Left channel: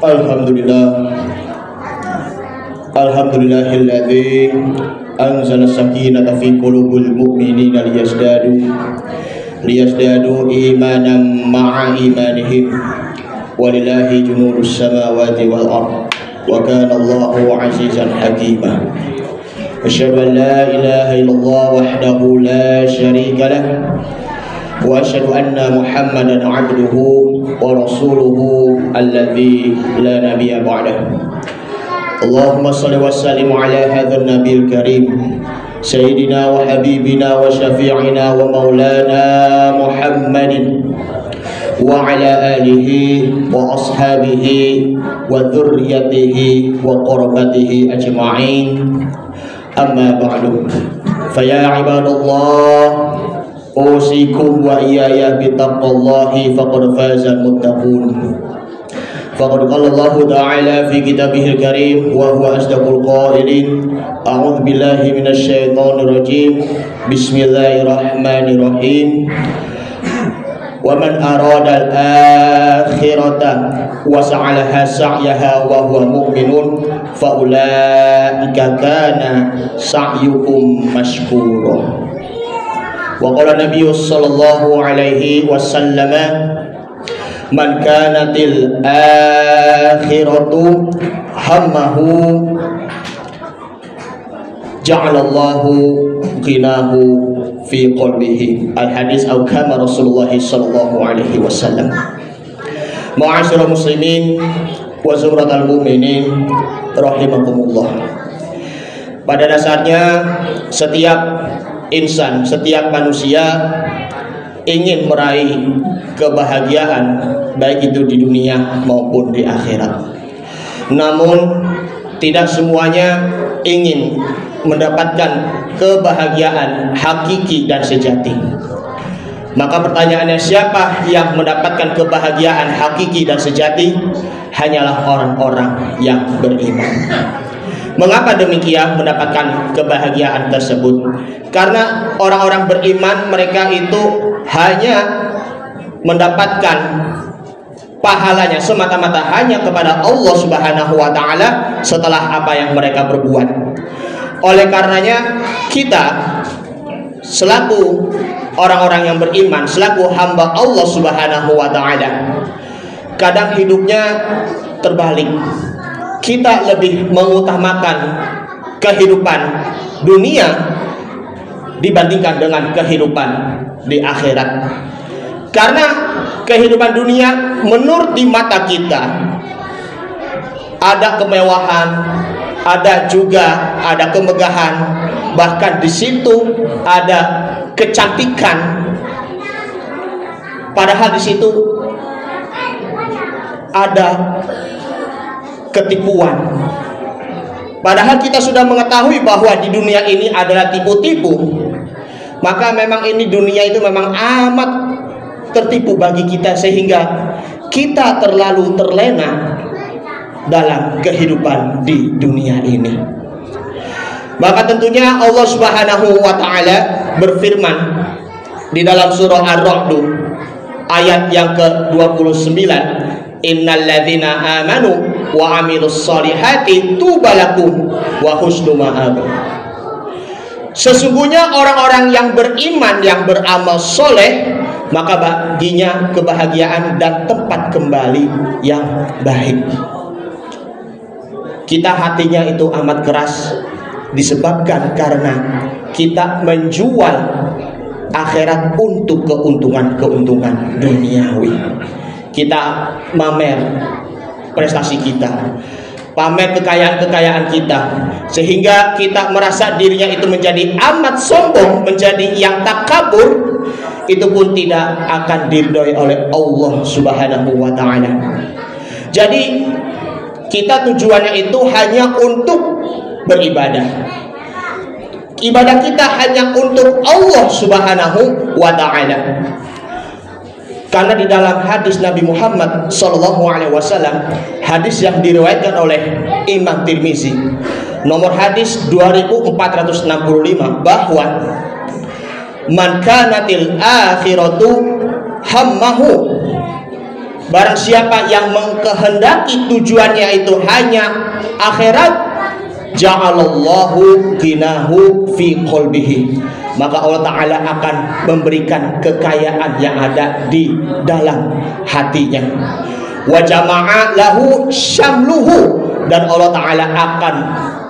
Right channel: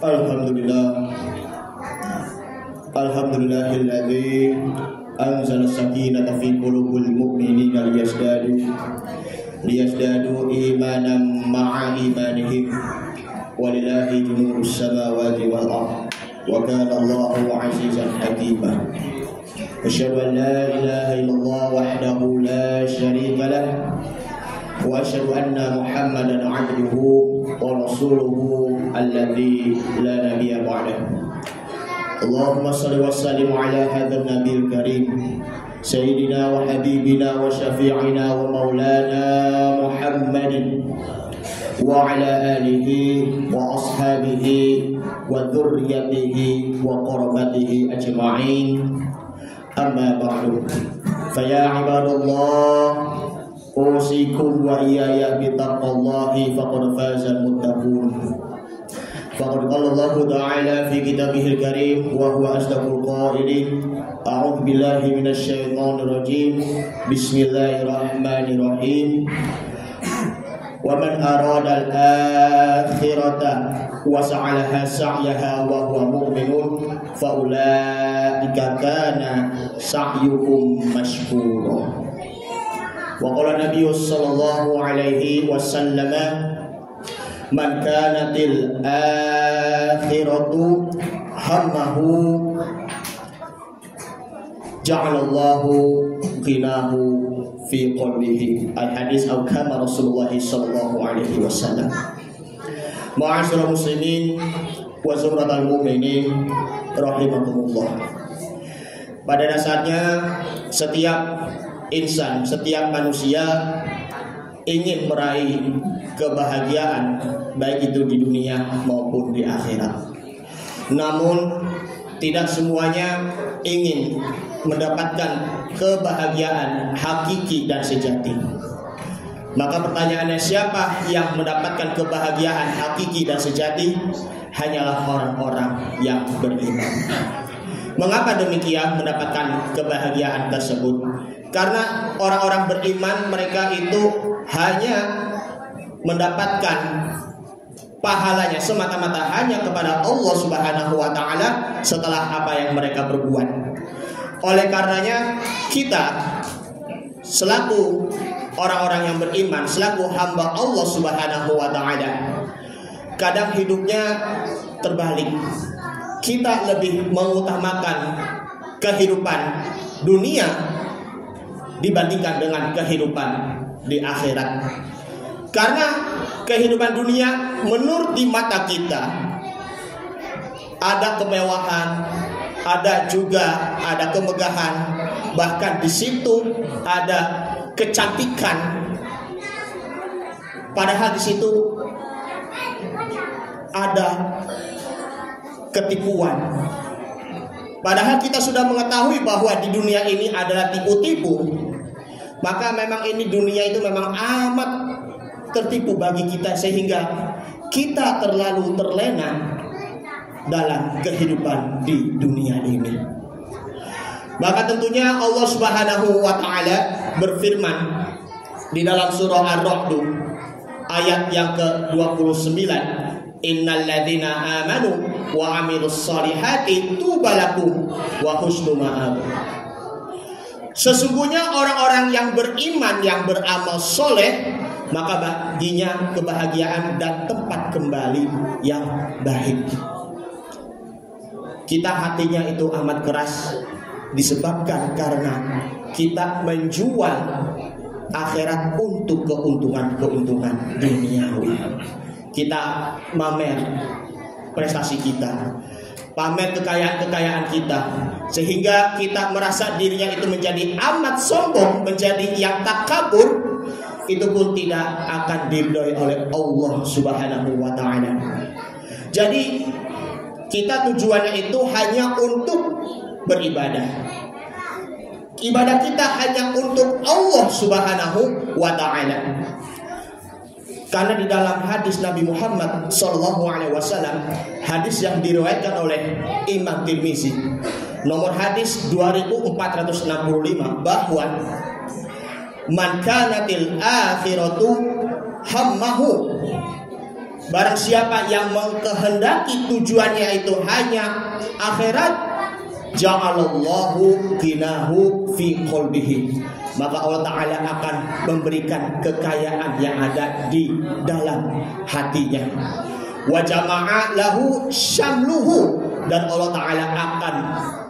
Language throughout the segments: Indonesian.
Alhamdulillah, alhamdulillahilladzi anzala sakinata fi qulubil mu'minina liyazdadu imanan ma'a imanihim walillahi junudus samawati wal ardh wa kana Allahu azizan hakima. Asyhadu an la ilaha illallah wahdahu la syarika lah wa asyhadu anna Muhammadan 'abduhu wa rasuluhu alladzi la nabiyya ba'dahu. Allahumma shalli wa sallim ala hadzal nabiyil karim sayyidina wa habibina wa syafi'ina wa maulana Muhammadin wa ala alihi wa ashabihi wa dzurriyyatihi wa qurbatihi ajma'in. Amma ba'du. Fa ya ibadallah, usikum wa iyaya bittaqwallahi faqad fazal muttaqun. Faqad qala Allah ta'ala fi kitabihil karim wa huwa asdaqul qailin. A'udzu billahi minasy syaithanir rajim. Bismillahirrahmanirrahim. Wa man arada al-akhirata wa sa'alaha sa'yaha wa huwa mu'minun fa ulaika kana sa'yukum mashkura. Wa qala Nabi sallallahu alaihi wasallam, man kanatil akhiratu hammahu ja'alallahu ghinahu fi qalbihi. Al-hadis atau kama Rasulullah sallallahu alaihi wasallam. Ma'asyiral muslimin wa zumratal mu'minin rahimakumullah. Pada dasarnya setiap insan, setiap manusia ingin meraih kebahagiaan, baik itu di dunia maupun di akhirat. Namun tidak semuanya ingin mendapatkan kebahagiaan hakiki dan sejati. Maka pertanyaannya, siapa yang mendapatkan kebahagiaan hakiki dan sejati? Hanyalah orang-orang yang beriman. Mengapa demikian mendapatkan kebahagiaan tersebut? Karena orang-orang beriman, mereka itu hanya mendapatkan pahalanya semata-mata hanya kepada Allah Subhanahu wa taala setelah apa yang mereka perbuat. Oleh karenanya kita selaku orang-orang yang beriman, selaku hamba Allah Subhanahu wa taala, kadang hidupnya terbalik. Kita lebih mengutamakan kehidupan dunia dibandingkan dengan kehidupan di akhirat. Karena kehidupan dunia menurut di mata kita ada kemewahan, ada kemegahan, bahkan di situ ada kecantikan. Padahal di situ ada ketipuan. Padahal kita sudah mengetahui bahwa di dunia ini adalah tipu-tipu. Maka memang ini dunia itu memang amat tertipu bagi kita, sehingga kita terlalu terlena dalam kehidupan di dunia ini. Maka tentunya Allah Subhanahu wa taala berfirman di dalam surah Ar-Ra'd ayat yang ke-29, innal ladzina amanu wa amilus solihati tubalakum wa husnu ma'ab. Sesungguhnya orang-orang yang beriman, yang beramal soleh, maka baginya kebahagiaan dan tempat kembali yang baik. Kita hatinya itu amat keras disebabkan karena kita menjual akhirat untuk keuntungan duniawi. Kita mamer prestasi kita, pamer kekayaan kita, sehingga kita merasa dirinya itu menjadi amat sombong, menjadi yang takabur. Itu pun tidak akan diridhoi oleh Allah Subhanahu wa taala. Jadi kita tujuannya itu hanya untuk beribadah. Ibadah kita hanya untuk Allah Subhanahu wa taala. Karena di dalam hadis Nabi Muhammad SAW, hadis yang diriwayatkan oleh Imam Tirmizi, nomor hadis 2465, bahwa man kanatil akhiratu hammahu, barang siapa yang mengkehendaki tujuannya itu hanya akhirat, ja'alallahu ginahu fi qalbihi, maka Allah Ta'ala akan memberikan kekayaan yang ada di dalam hatinya. Wa jama'a lahu syamluhu, dan Allah Ta'ala akan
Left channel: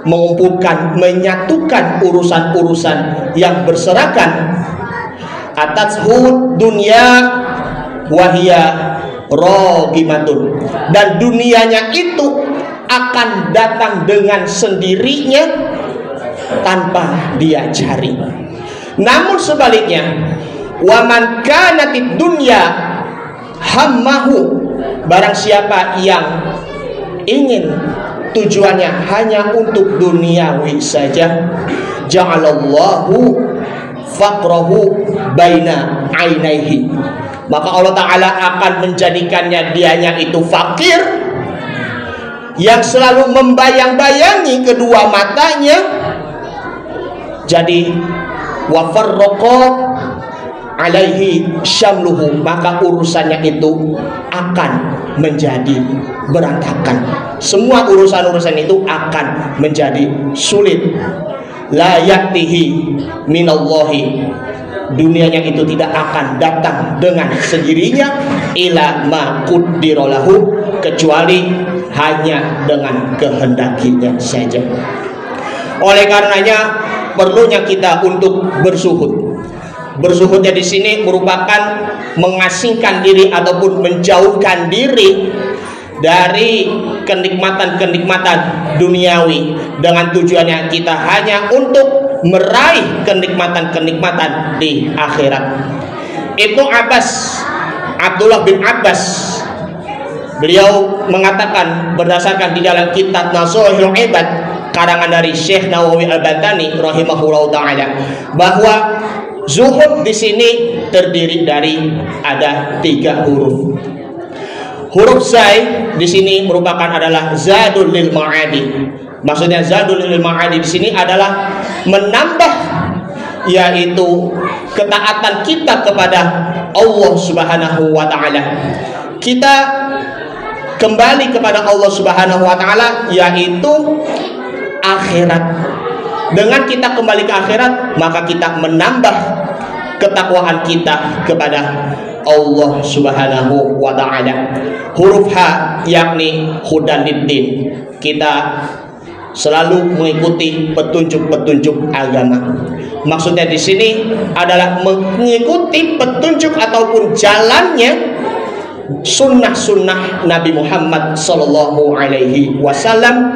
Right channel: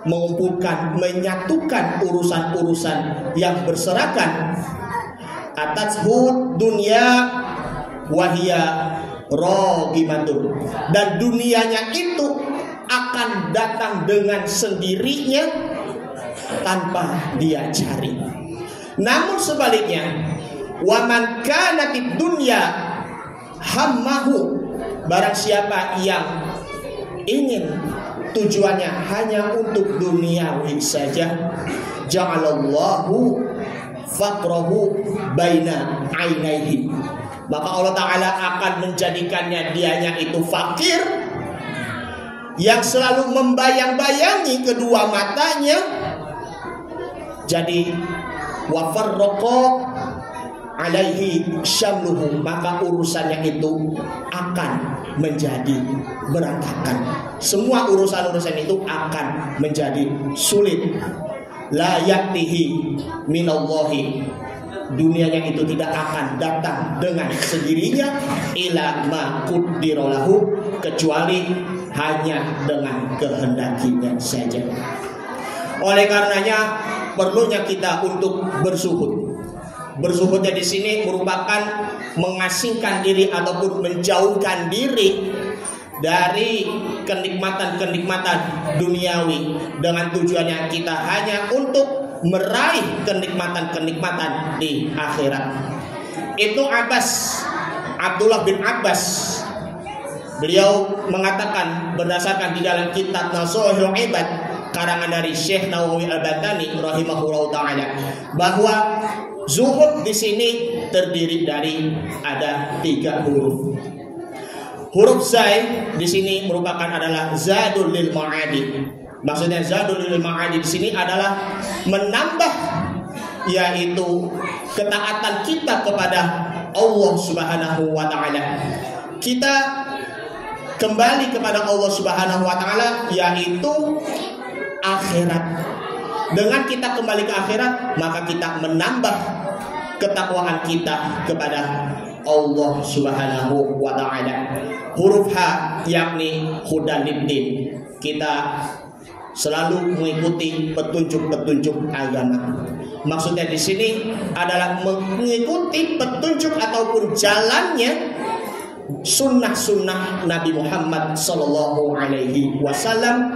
mengumpulkan, menyatukan urusan-urusan yang berserakan. Atatshu dunya wahia rogimatun, dan dunianya itu akan datang dengan sendirinya tanpa dia cari. Namun sebaliknya, waman kanatid dunya hammahu, barang siapa yang ingin tujuannya hanya untuk duniawi saja, ja'alallahu faqrahu baina ainaihi, maka Allah Ta'ala akan menjadikannya dianya itu fakir yang selalu membayang-bayangi kedua matanya. Jadi wa farraqa alaihi syamluhu, maka urusannya itu akan menjadi berantakan. Semua urusan-urusan itu akan menjadi sulit. La yatihi minallahi, dunianya itu tidak akan datang dengan sendirinya, ila ma quddirolahu, kecuali hanya dengan kehendakinya saja. Oleh karenanya perlunya kita untuk bersuhud. Bersuhudnya di sini merupakan mengasingkan diri ataupun menjauhkan diri dari kenikmatan-kenikmatan duniawi, dengan tujuannya kita hanya untuk meraih kenikmatan-kenikmatan di akhirat. Ibnu Abbas, Abdullah bin Abbas, beliau mengatakan berdasarkan di dalam kitab Nasuhul Ibad karangan dari Syekh Nawawi Al-Bantani rahimahullah taala, bahwa zuhud di sini terdiri dari ada 3 huruf. Huruf zai di sini merupakan adalah zadul lil ma'adi. Maksudnya zadul lil ma'adi di sini adalah menambah, yaitu ketaatan kita kepada Allah Subhanahu wa taala. Kita kembali kepada Allah Subhanahu wa taala, yaitu akhirat. Dengan kita kembali ke akhirat, maka kita menambah ketakwaan kita kepada Allah Subhanahu wa ta'ala. Huruf H yakni hudaniddin, kita selalu mengikuti petunjuk-petunjuk agama. Maksudnya di sini adalah mengikuti petunjuk ataupun jalannya sunnah-sunnah Nabi Muhammad sallallahu alaihi wasallam.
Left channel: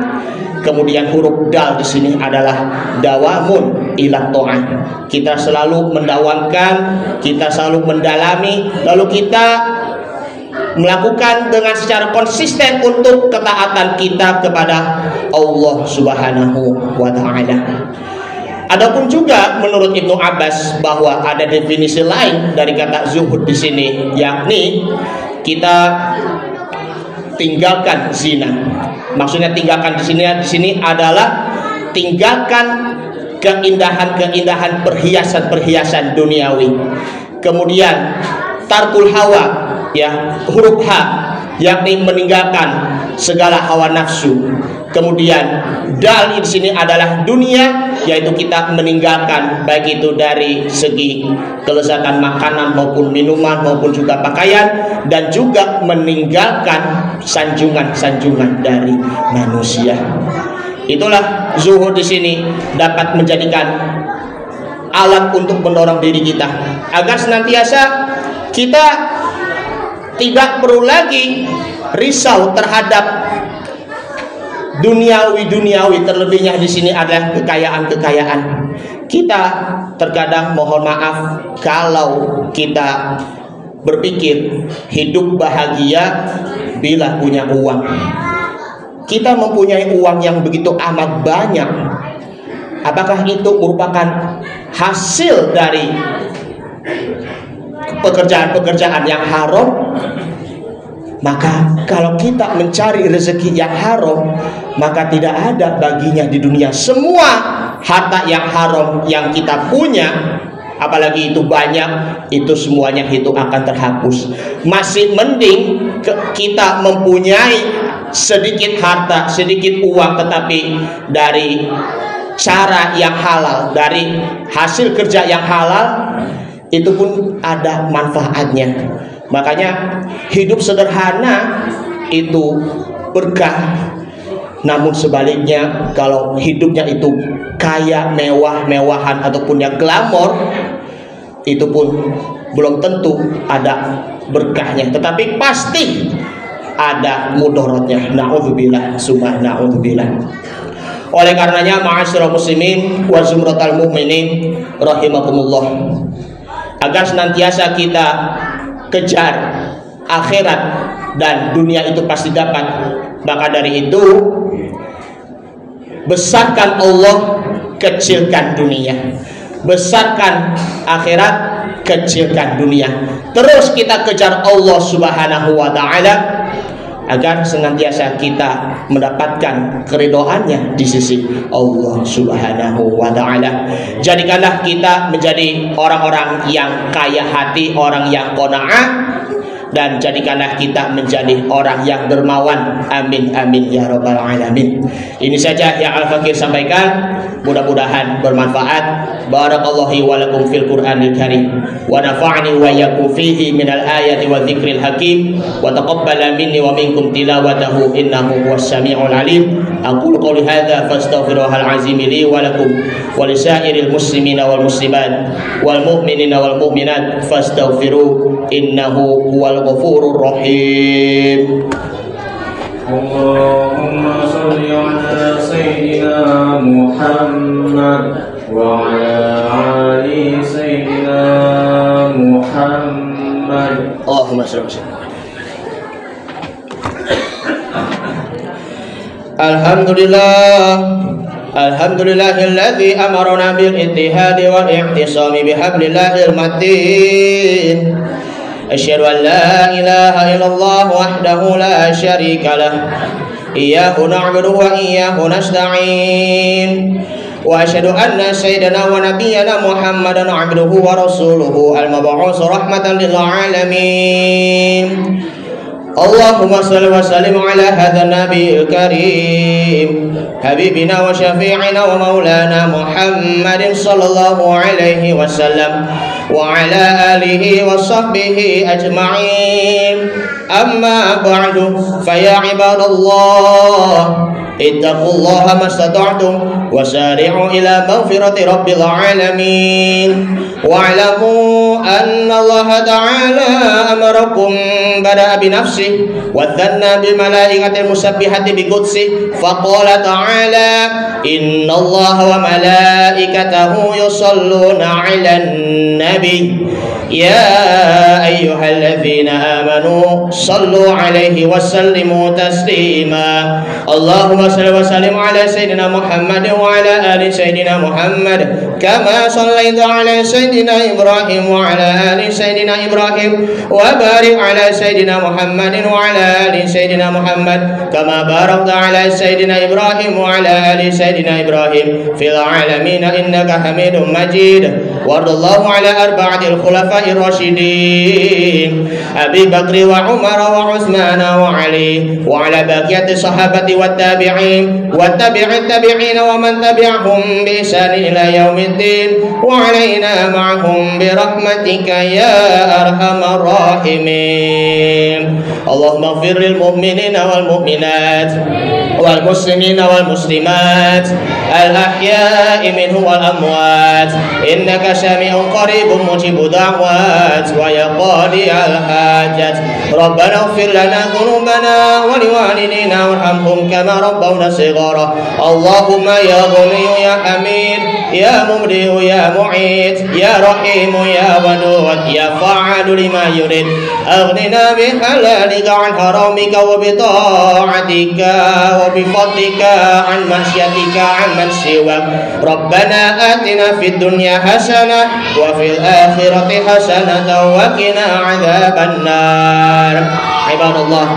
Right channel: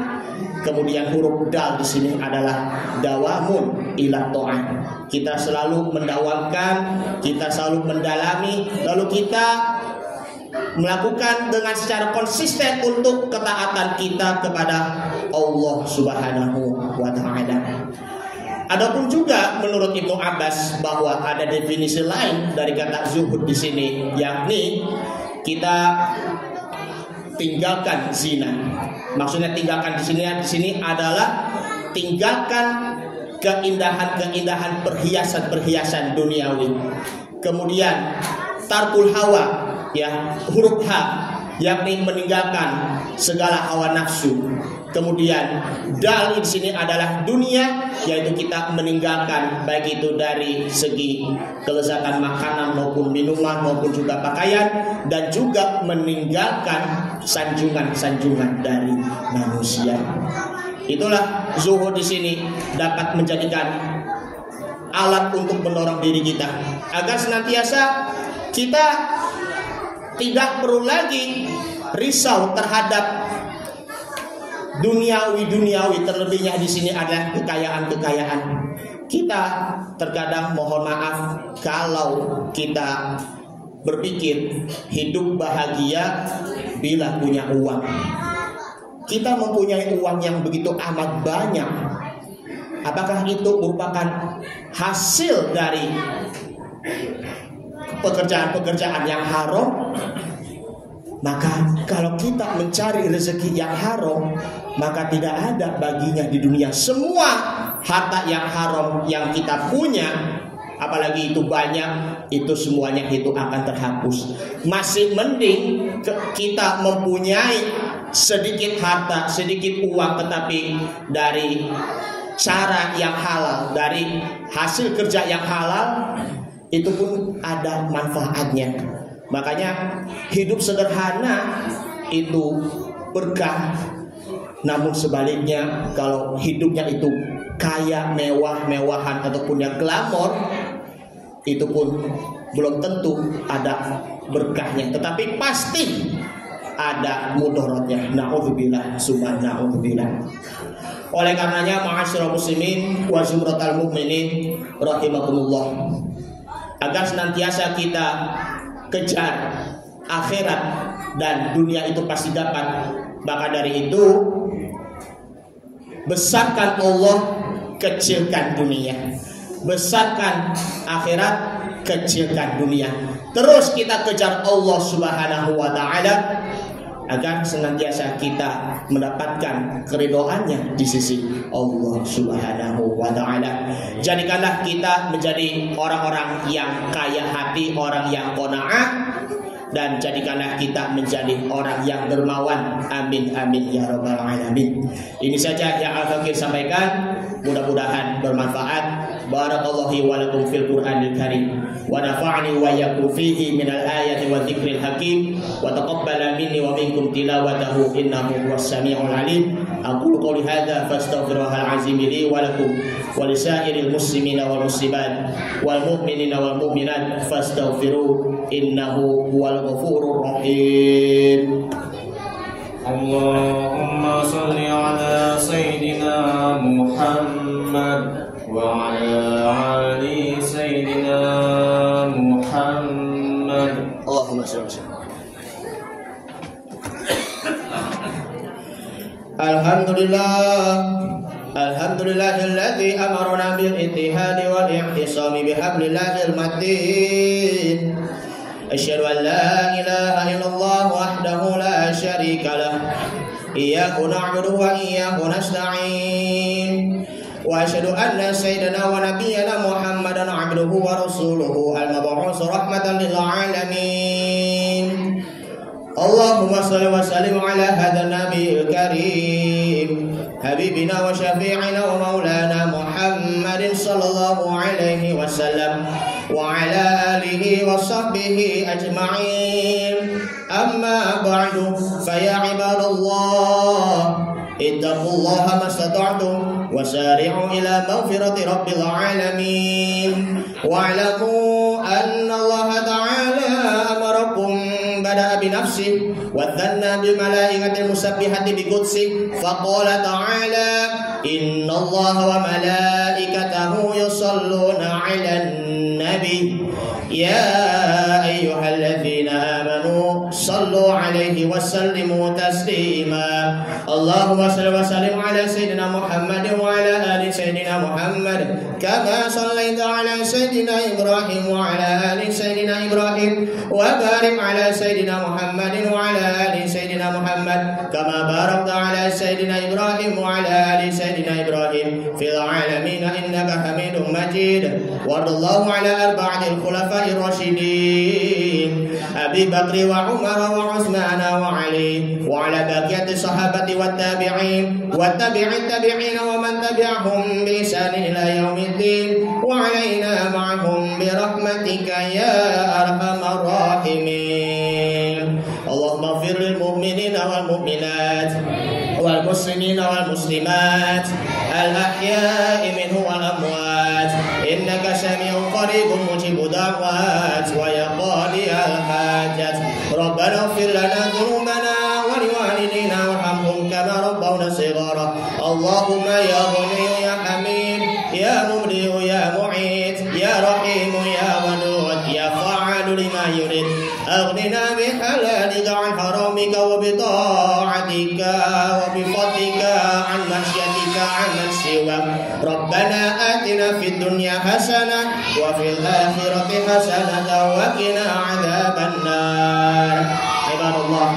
Kemudian huruf dal di sini adalah dawamun ila ta'ah. Kita selalu mendawamkan, kita selalu mendalami, lalu kita melakukan dengan secara konsisten untuk ketaatan kita kepada Allah Subhanahu wa taala. Adapun juga menurut Ibnu Abbas bahwa ada definisi lain dari kata zuhud di sini, yakni kita tinggalkan zina. Maksudnya tinggalkan di sini adalah tinggalkan keindahan-keindahan perhiasan-perhiasan duniawi. Kemudian tarkul hawa, ya, huruf H yakni meninggalkan segala hawa nafsu. Kemudian dal di sini adalah dunia, yaitu kita meninggalkan baik itu dari segi kelezatan makanan maupun minuman maupun juga pakaian, dan juga meninggalkan sanjungan-sanjungan dari manusia. Itulah zuhud di sini dapat menjadikan alat untuk mendorong diri kita agar senantiasa kita tidak perlu lagi risau terhadap duniawi, terlebihnya di sini adalah kekayaan-kekayaan. Kita terkadang mohon maaf kalau kita berpikir hidup bahagia bila punya uang. Kita mempunyai uang yang begitu amat banyak. Apakah itu merupakan hasil dari pekerjaan-pekerjaan yang haram? Maka kalau kita mencari rezeki yang haram, maka tidak ada baginya di dunia. Semua harta yang haram yang kita punya, apalagi itu banyak, itu semuanya itu akan terhapus. Masih mending kita mempunyai sedikit harta, sedikit uang, tetapi dari cara yang halal, dari hasil kerja yang halal, itu pun ada manfaatnya. Makanya hidup sederhana itu berkah. Namun sebaliknya, kalau hidupnya itu kaya, mewah-mewahan ataupun yang glamor, itu pun belum tentu ada berkahnya, tetapi pasti ada mudorotnya. Na'udzubillah, summa na'udzubillah. Oleh karenanya, ma'asyiral muslimin wa zumratal mu'minin rahimakumullah, agar senantiasa kita kejar akhirat dan dunia itu pasti dapat. Maka dari itu, besarkan Allah, kecilkan dunia. Besarkan akhirat, kecilkan dunia. Terus kita kejar Allah Subhanahu wa ta'ala, agar senantiasa kita mendapatkan keridhaannya di sisi Allah Subhanahu wa ta'ala. Jadikanlah kita menjadi orang-orang yang kaya hati, orang yang qanaah, dan jadikanlah kita menjadi orang yang dermawan. Amin amin ya rabbal alamin. Ini saja yang Al-Fakir sampaikan, mudah-mudahan bermanfaat. Barakallahu wa lakum fil Qur'anil Karim, wa nafa'ani wa iyyakum fihi minal ayati wa dzikril hakim, wa taqabbala minni wa minkum tilawatahu innahu huwas samiul alim. Aqulu qouli hadza fastaghfirullahal azim li wa lakum wa lisairil muslimina wal muslimat wal mu'minina wal mu'minat fastaghfiruhu innahu huwal ghafurur rahim. Allahumma shalli ala sayyidina Muhammad wa ala ali sayyidina Muhammad. Allahumma shalli. Alhamdulillahilladzi amarna bil ittihadi wal i'tisami bihablillahil matin. Asyhadu an la ilaha illallah wahdahu la syarika lah. Iyyahu na'budu wa iyyahu nasta'in. Wa asyhadu anna sayyidana wa nabiyyana Muhammadan 'abduhu wa rasuluhu al-mab'uts rahmatan lil alamin. Allahumma shalli wa sallim ala hadzal nabiyil karim, habibina wa syafi'ina wa maulana Muhammadin sallallahu alaihi wasallam wa ala alihi wa sahbihi ajma'in. Amma ba'du, fa ya ibadallah, ittaqullaha mastata'tum wa sari'u ila maghfirati rabbil alamin. Wa'lamu anna Allah ta'ala amarakum bada'a bi nafsihi wa dhanna bil malaikati musabbihati bi qudsi faqala ta'ala inna Allah wa malaikatahu yusalluna 'alan nabi ya ayyuhalladzina amanu sallu 'alaihi wa sallimu taslima. Allahumma shalli wa sallim ala sayyidina Muhammad wa ala ali sayyidina Muhammad kama shallaita ala sayyidina Ibrahim wa ala ali sayyidina Ibrahim wa barik ala sayyidina Muhammad wa ala ali sayyidina Muhammad kama barakta ala sayyidina Ibrahim wa ala ali sayyidina Ibrahim fil alamin innaka Hamidum Majid. Warḍallahu ala arba'atil khulafa'ir rasyidin Abi Bakr wa Umar wa Utsman wa Ali wa ala baqiyati sahabati wat tabi'in wat tabi'it tabi'in wa man tabi'ahum bi ihsan ila yaumiddin wa alaina ma'hum bi rahmatika ya arhamar rahimin. Allahumma ighfir lil mu'minina wal mu'minat wal muslimina wal muslimat al ahya'i minhum wal amwat innaka sami'un qaribun mujibud da'wat wa ya qadiyal hajat. Rabbana ighfir lana dhunubana wa liwalidina warhamhum kama rabbawna shighara. Allahumma ya Ghani ya Hamid ya Mubdi ya Mu'id ya Rahim ya Wadud ya Fa'al والفعل لما يريد أغننا بحلالك عن حرامك وبطاعتك وبفضلك عن معصيتك عن من سواك ربنا آتنا في الدنيا حسنة وفي الآخرة حسنة وقنا عذاب النار عباد الله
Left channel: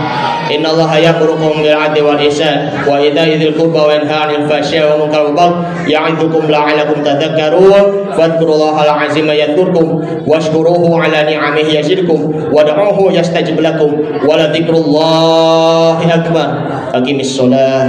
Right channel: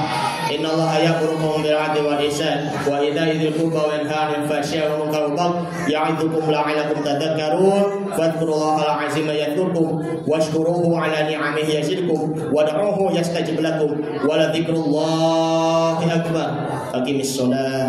إن الله يأمركم بالعدل والإحسان وإيتاء ذي القربى وينهى عن الفحشاء والمنكر والبغي يعظكم لعلكم تذكرون فاذكروا الله العظيم يذكركم واشكروه على نعمه يزدكم ودعوه يستجب لكم ولذكر الله أكبر أقم الصلاة